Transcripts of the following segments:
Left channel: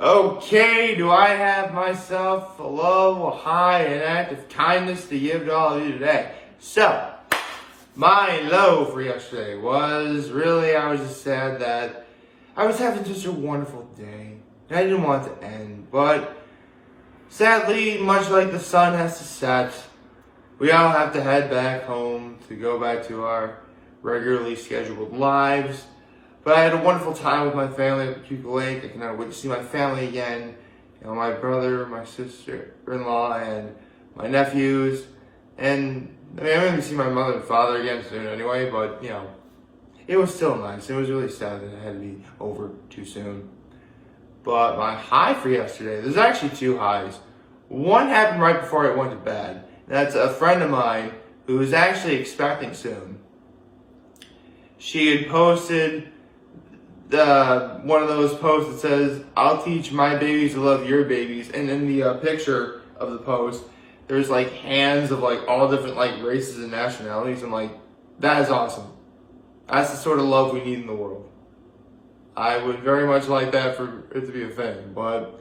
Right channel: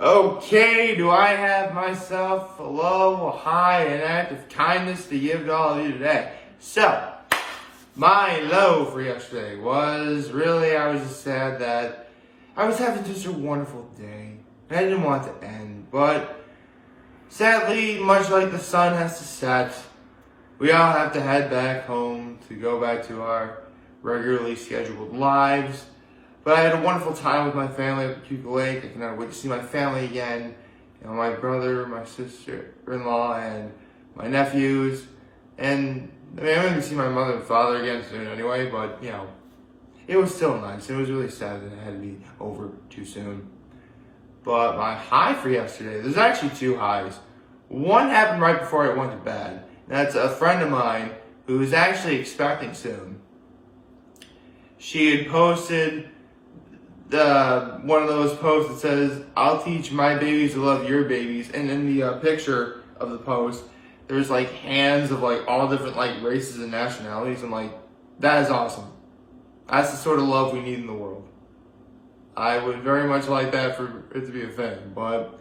Okay, do I have myself a low, a high, an act of kindness to give to all of you today? So, my low for yesterday was really, I was just sad that I was having such a wonderful day. And I didn't want it to end, but sadly, much like the sun has to set, we all have to head back home to go back to our regularly scheduled lives. But I had a wonderful time with my family at the Cuba Lake. I cannot wait to see my family again. You know, my brother, my sister-in-law, and my nephews. And I mean, I'm going to see my mother and father again soon anyway, but, you know, it was still nice. It was really sad that it had to be over too soon. But my high for yesterday, there's actually two highs. One happened right before I went to bed. That's a friend of mine who is actually expecting soon. She had posted one of those posts that says, "I'll teach my babies to love your babies." And in the picture of the post, there's like hands of like all different like races and nationalities. I'm like, that is awesome. That's the sort of love we need in the world. I would very much like that for it to be a thing, but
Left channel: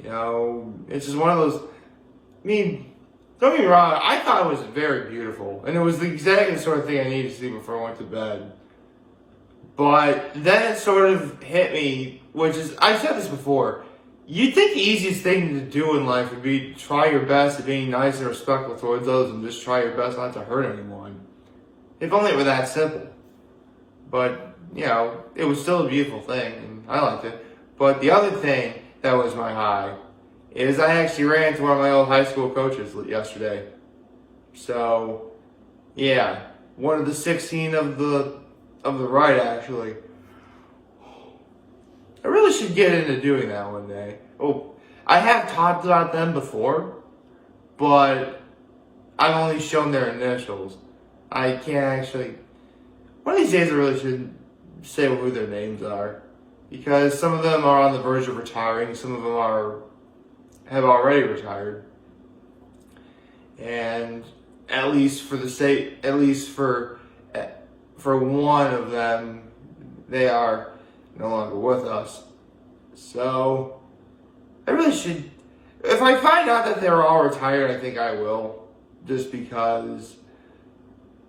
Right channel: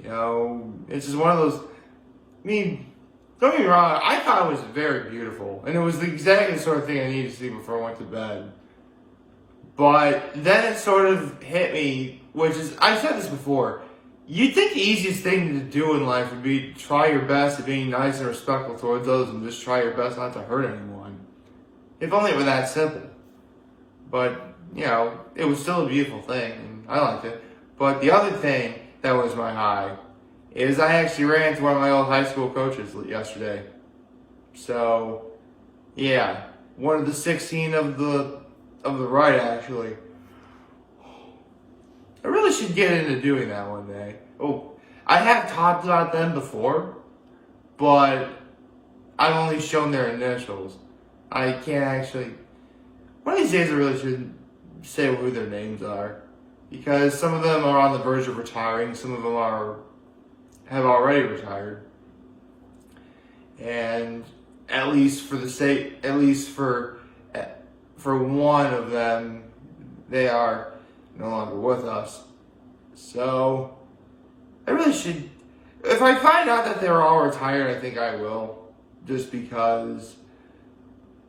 you know, it's just one of those. I mean, don't get me wrong, I thought it was very beautiful, and it was the exact sort of thing I needed to see before I went to bed. But then it sort of hit me, which is, I've said this before, you'd think the easiest thing to do in life would be to try your best at being nice and respectful towards others and just try your best not to hurt anyone. If only it were that simple. But, you know, it was still a beautiful thing, and I liked it. But the other thing that was my high is I actually ran into one of my old high school coaches yesterday. So, yeah, one of the 16 of the right, actually. I really should get into doing that one day. Oh, I have talked about them before, but I've only shown their initials. I can't actually. One of these days I really shouldn't say who their names are, because some of them are on the verge of retiring, some of them have already retired. And at least for one of them, they are no longer with us. So, I really should, if I find out that they're all retired, I think I will, just because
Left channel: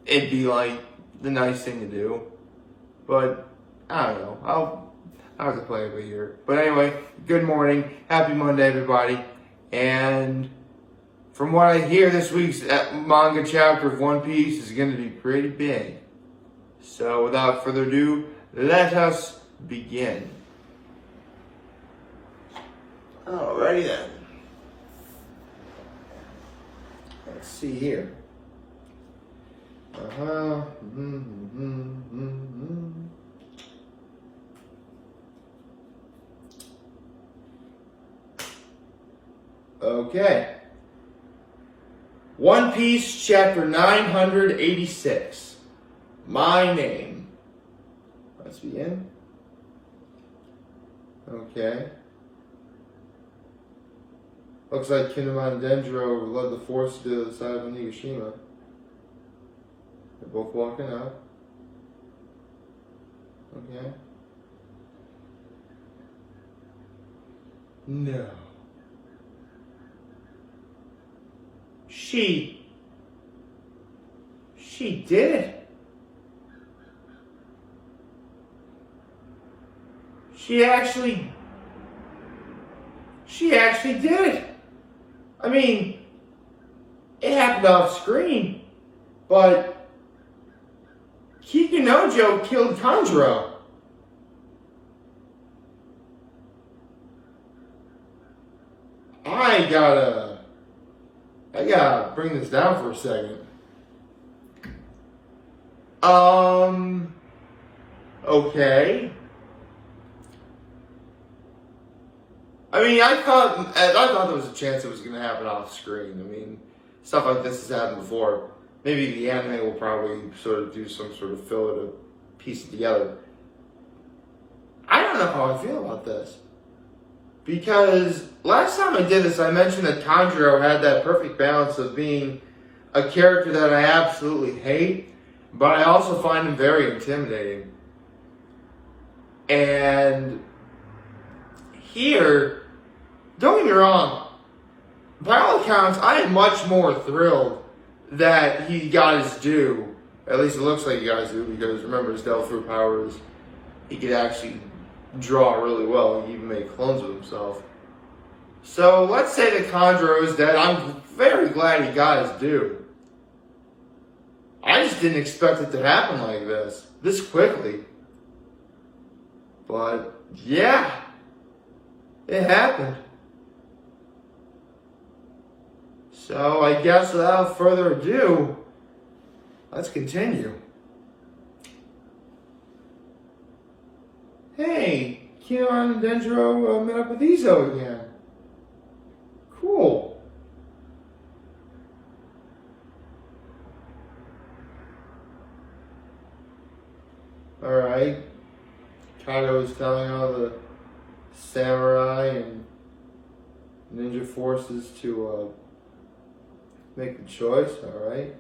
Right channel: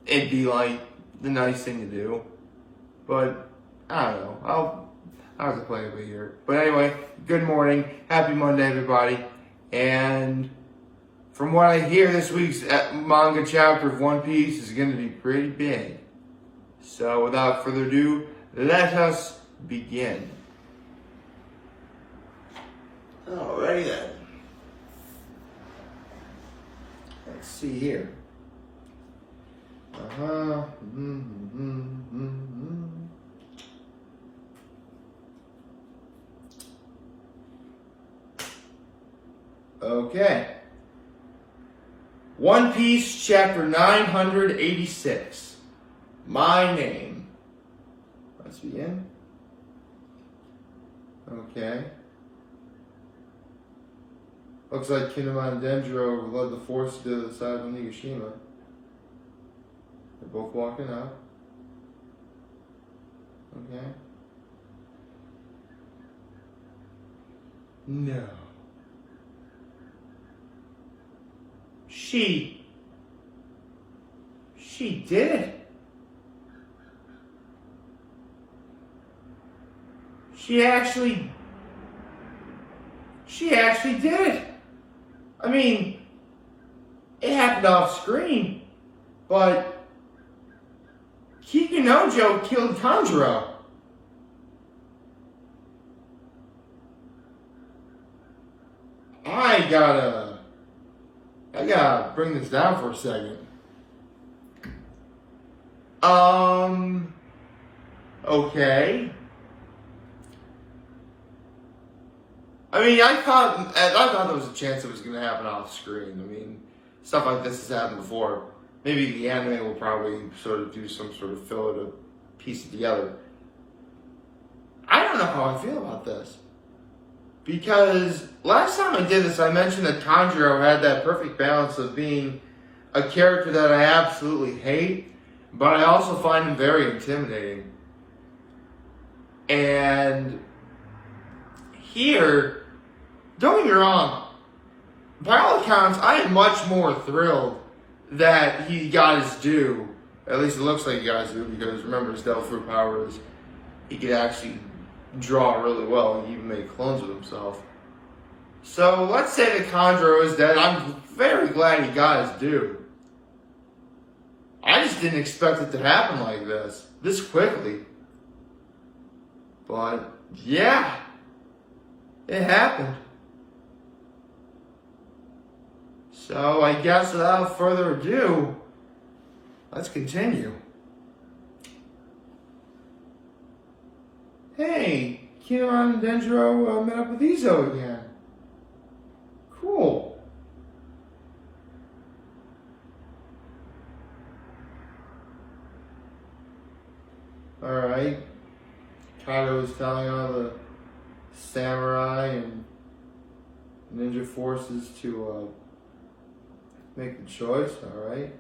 it'd be like the nice thing to do. But, I don't know, I'll have to play it by ear. But anyway, good morning, happy Monday everybody, and from what I hear, this week's manga chapter of One Piece is going to be pretty big. So without further ado, let us begin. Alrighty then. Let's see here. Okay. One Piece chapter 986. My name. Let's begin. Okay. Looks like Kinemon and Denjiro led the force to the side of Onigashima. They're both walking up. Okay. No. She did it. She actually did it. I mean, it happened off screen, but Kikinojo killed Tanjiro. I gotta bring this down for a second. Okay. I mean, I thought there was a chance it was going to happen off screen. I mean, stuff like this has happened before. Maybe the anime will probably sort of do some sort of filler to piece it together. I don't know how I feel about this. Because last time I did this, I mentioned that Tanjiro had that perfect balance of being a character that I absolutely hate, but I also find him very intimidating. And here, don't get me wrong, by all accounts, I am much more thrilled that he got his due. At least it looks like he got his due, because remember his Devil Fruit powers, he could actually draw really well and even make clones of himself. So let's say that Chondro is dead. I'm very glad he got his due. I just didn't expect it to happen like this quickly. But yeah, it happened. So I guess without further ado, let's continue. Hey, Kion and Dendro met up with Izo again. Cool. Alright. Kaido is telling all the samurai and ninja forces to make the choice, alright?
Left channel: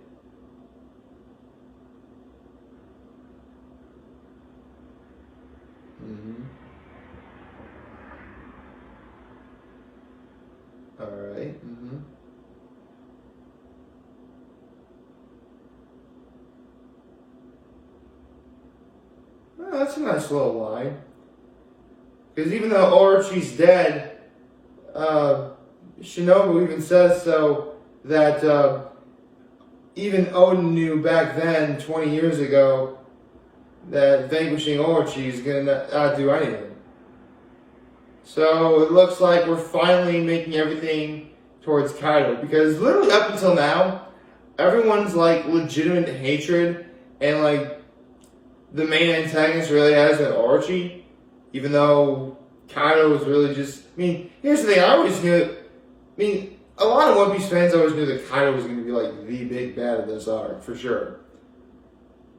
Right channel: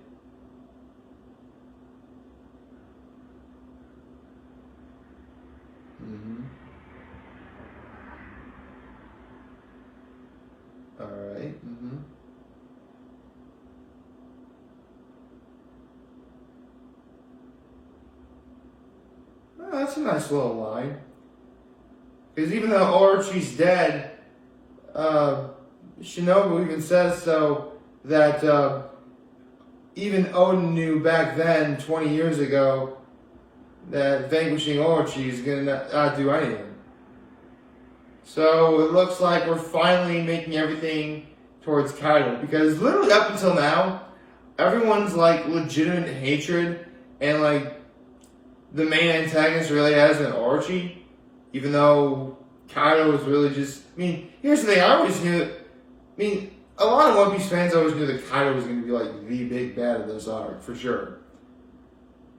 Alright, Well, that's a nice little line. Because even though Orochi's dead, Shinobu even says so that even Odin knew back then, 20 years ago, that vanquishing Orochi is going to not do anything. So it looks like we're finally making everything towards Kaido. Because literally up until now, everyone's like legitimate hatred, and like the main antagonist really has an Orochi. Even though Kaido was really just, here's the thing, I always knew, a lot of One Piece fans always knew that Kaido was going to be like the big bad of this arc, for sure.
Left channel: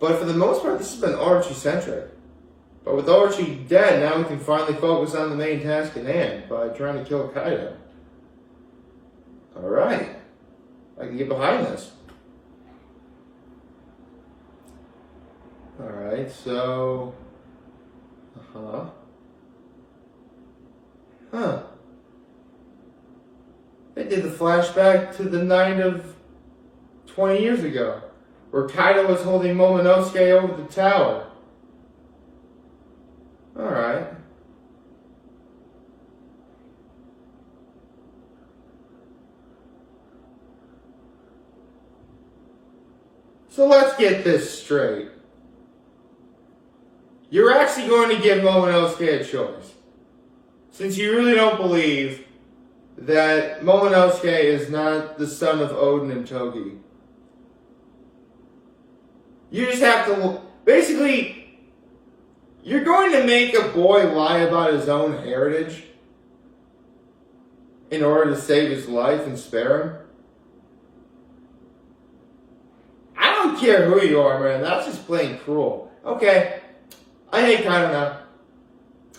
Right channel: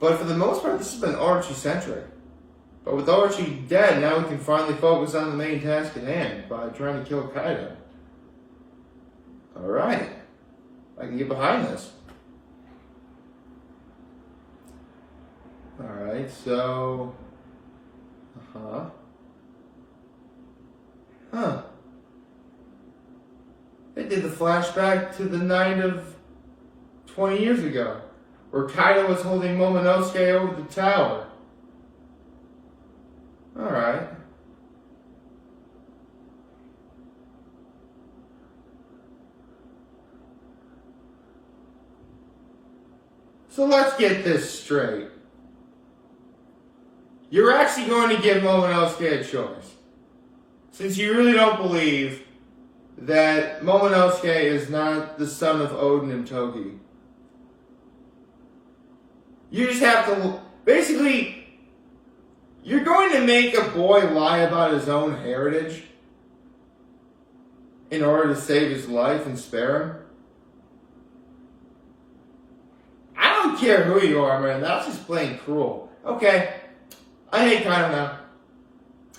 But for the most part, this has been Orochi-centric. But with Orochi dead, now we can finally focus on the main task at hand by trying to kill Kaido. Alright. I can get behind this. Alright, so... They did the flashback to the night of 20 years ago, where Kaido was holding Momonosuke over the tower. Alright. So let's get this straight. You're actually going to give Momonosuke a choice. Since you really don't believe that Momonosuke is not the son of Odin and Toki. You just have to, basically, you're going to make a boy lie about his own heritage in order to save his life and spare him? I don't care who you are, man. That's just plain cruel. Okay. I hate Kaido now.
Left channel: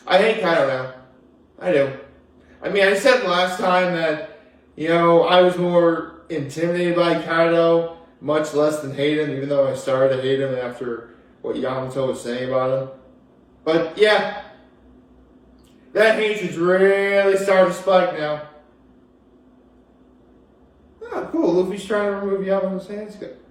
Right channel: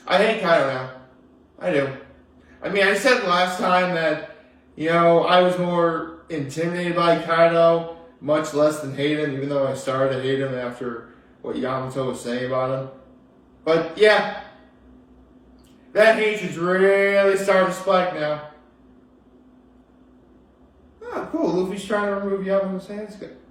I do. I said last time that, I was more intimidated by Kaido, much less than hate him, even though I started to hate him after what Yamato was saying about him. But yeah, that hatred's really starting to spike now. Oh, cool. Luffy's trying to remove Yamato's handcuffs.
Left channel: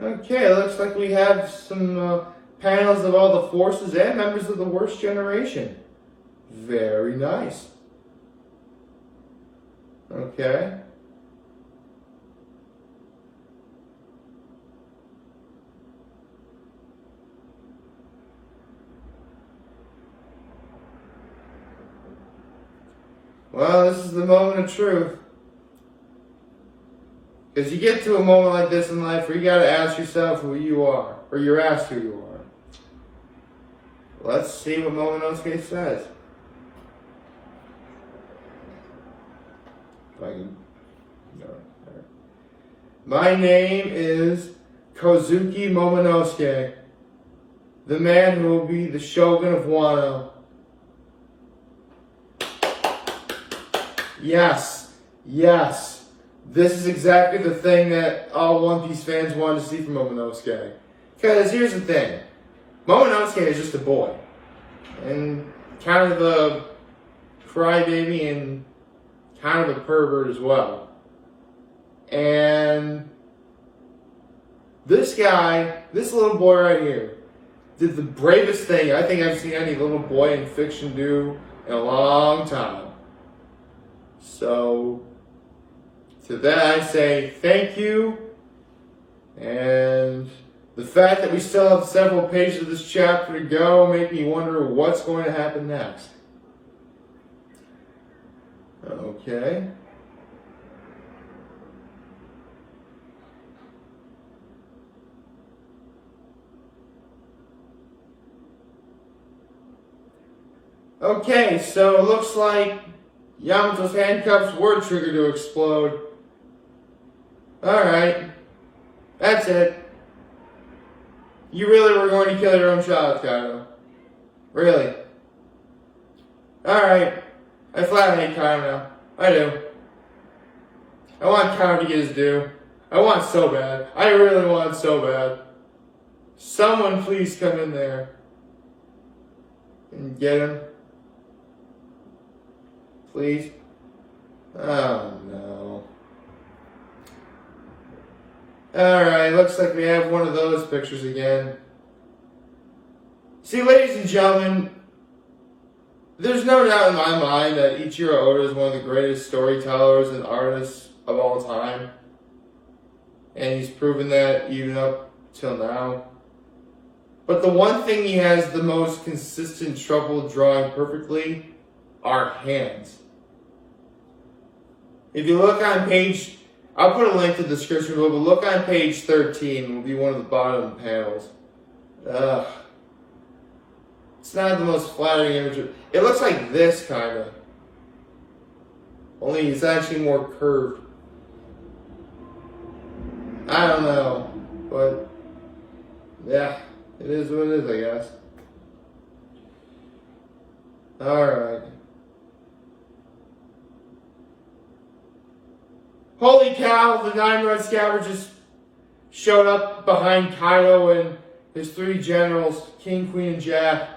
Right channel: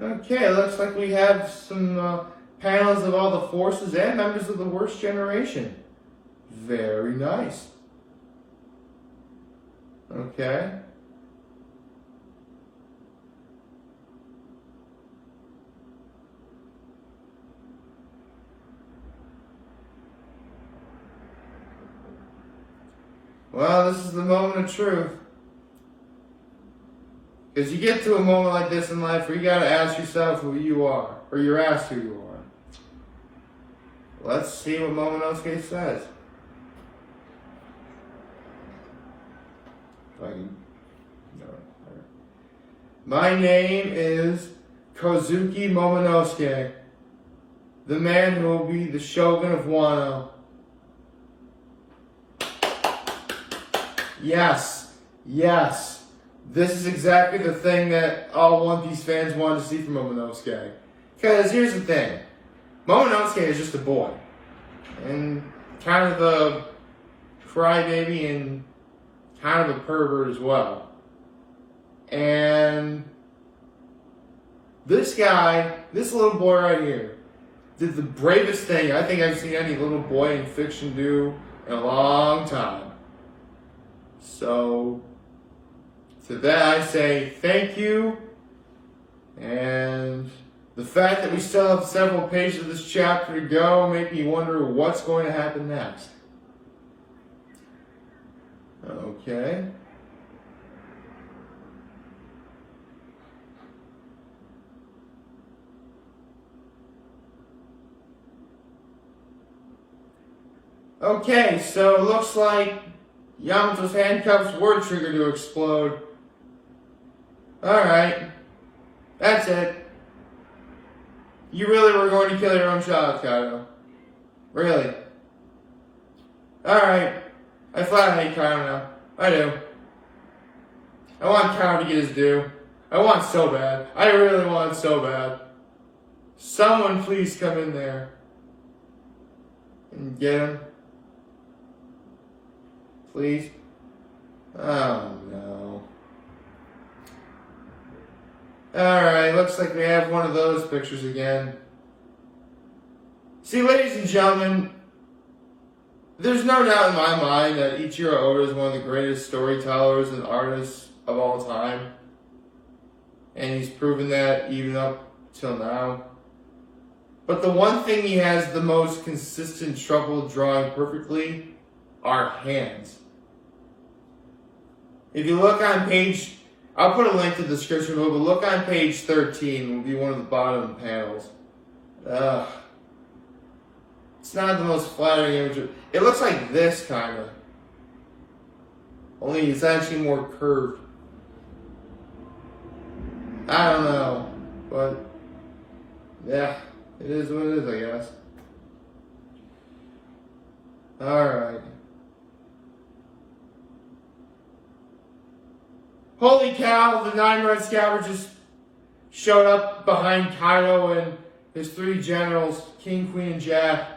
Okay, looks like we have some panels of all the forces and members of the worst generation. Very nice. Okay. Well, this is the moment of truth. Because you get to a moment like this in life where you gotta ask yourself who you are. Or you're asked who you are. Let's see what Momonosuke says. If I can... No. My name is Kozuki Momonosuke, the man who will be the Shogun of Wano. Yes, yes, this is exactly the thing that all One Piece fans wanted to see from Momonosuke. Because here's the thing, Momonosuke is just a boy, and kind of a crybaby and kind of a pervert as well. And this guy, this little boy right here, did the bravest thing I think I've seen any little boy in fiction do in a long time. So, to that I say thank you, and the fact that we still have several pages of this chapter to go make me wonder what's going to happen next. Okay. Okay, so it looks like Yamato's handcuffs were triggered to explode. Alright. That's it. You really were going to kill your own child, Kaido. Really. Alright. I flat hate Kaido now. I do. I want Kaido to get his due. I want so bad. I really want so bad. Someone please come in there and get him. Please? Oh no. Alright, looks like we have one of those pictures again. See, ladies and gentlemen, there's no doubt in my mind that Ichiro Oda is one of the greatest storytellers and artists of all time. And he's proven that even up till now. But the one thing he has the most consistent trouble drawing perfectly are hands. If you look on page, I'll put a link to the description below, but look on page 13, will be one of the bottom panels. It's not the most flattering image. It looks like this, kind of. Only it's actually more curved. I don't know, but yeah, it is what it is, I guess. Alright. Holy cow, the 9 Red Scavengers showed up behind Kaido and his 3 generals, King, Queen, and Jack.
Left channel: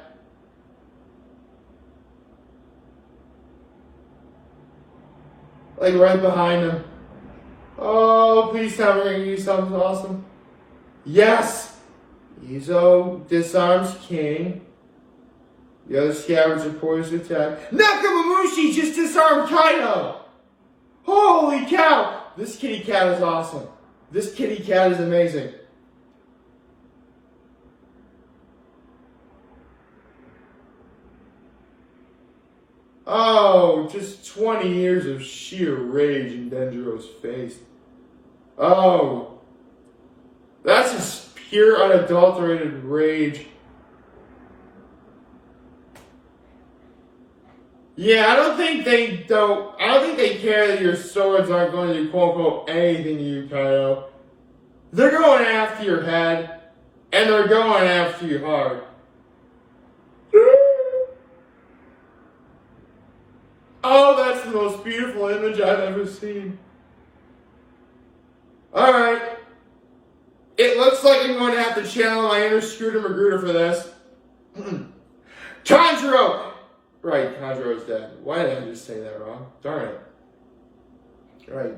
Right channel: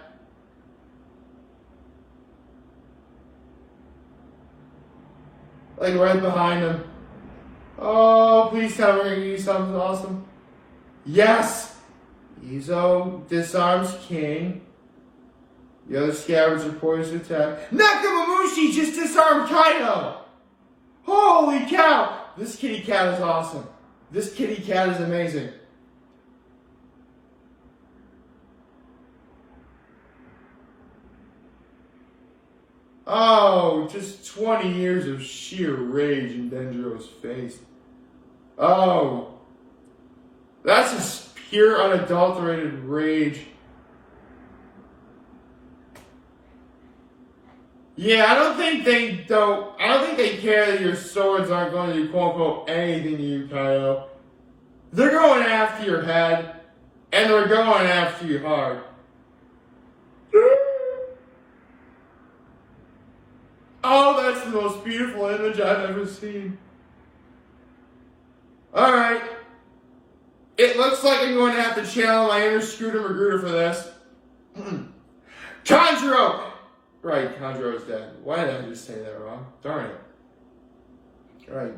Like right behind him. Oh, please tell me we're gonna use something awesome. Yes! Izo disarms King. The other scavengers are poised to attack. Nakamamushi just disarmed Kaido! Holy cow! This kitty cat is awesome. This kitty cat is amazing. Oh, just 20 years of sheer rage in Denjiro's face. Oh, that's just pure unadulterated rage. Yeah, I don't think they care that your swords aren't going to do quote unquote anything to you, Kaido. They're going after your head, and they're going after you hard. Oh, that's the most beautiful image I've ever seen. Alright. It looks like I'm going to have to channel my inner Scooter Magruder for this. Tanjiro! Right, Tanjiro's dead. Why did I just say that wrong? Darn it. Right.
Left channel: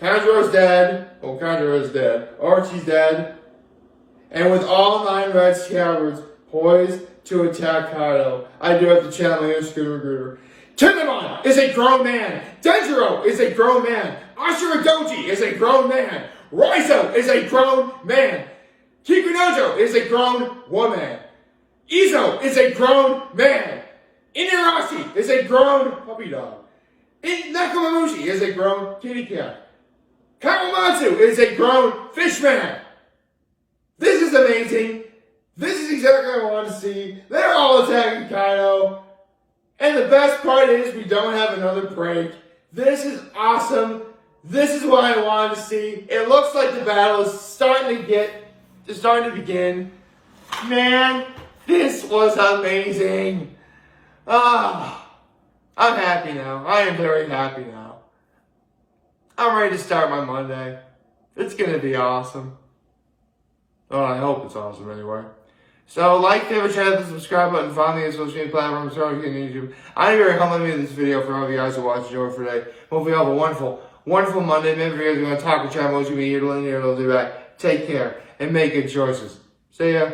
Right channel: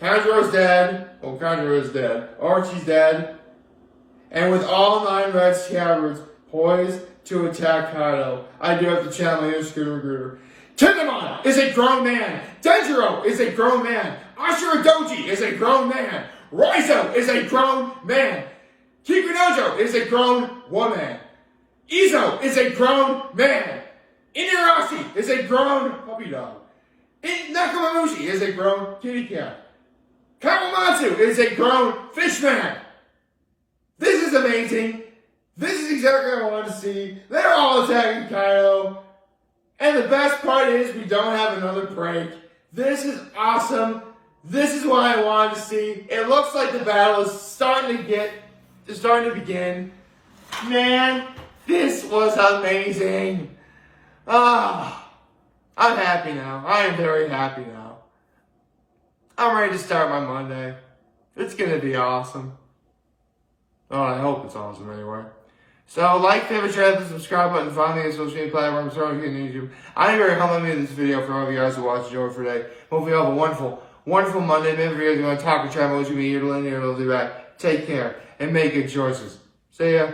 Tanjiro's dead. Oh, Tanjiro's dead. Archie's dead. And with all 9 Red Scabbards poised to attack Kaido, I do have to channel my inner Scooter Magruder. Kinemon is a grown man. Denjiro is a grown man. Ashura Doji is a grown man. Raizo is a grown man. Kikunojo is a grown woman. Izo is a grown man. Inarashi is a grown puppy dog. Nakamamushi is a grown kitty cat. Kawamatsu is a grown fish man. This is amazing. This is exactly what I want to see. They're all attacking Kaido. And the best part is we don't have another break. This is awesome. this is what I wanted to see. It looks like the battle is starting to begin. Man, this was amazing. Ah, I'm happy now. I am very happy now. I'm ready to start my Monday. It's gonna be awesome. Oh, I hope it's awesome anyway. So, like, favorite, share, hit the subscribe button, follow me on social media platforms, so you can YouTube. I'm very complimenting me in this video for all of you guys who watched the show today. Hopefully you have a wonderful, wonderful Monday. Maybe if you guys are going to talk with channel, you be here to learn here, they'll be back. Take care and make good choices. See ya.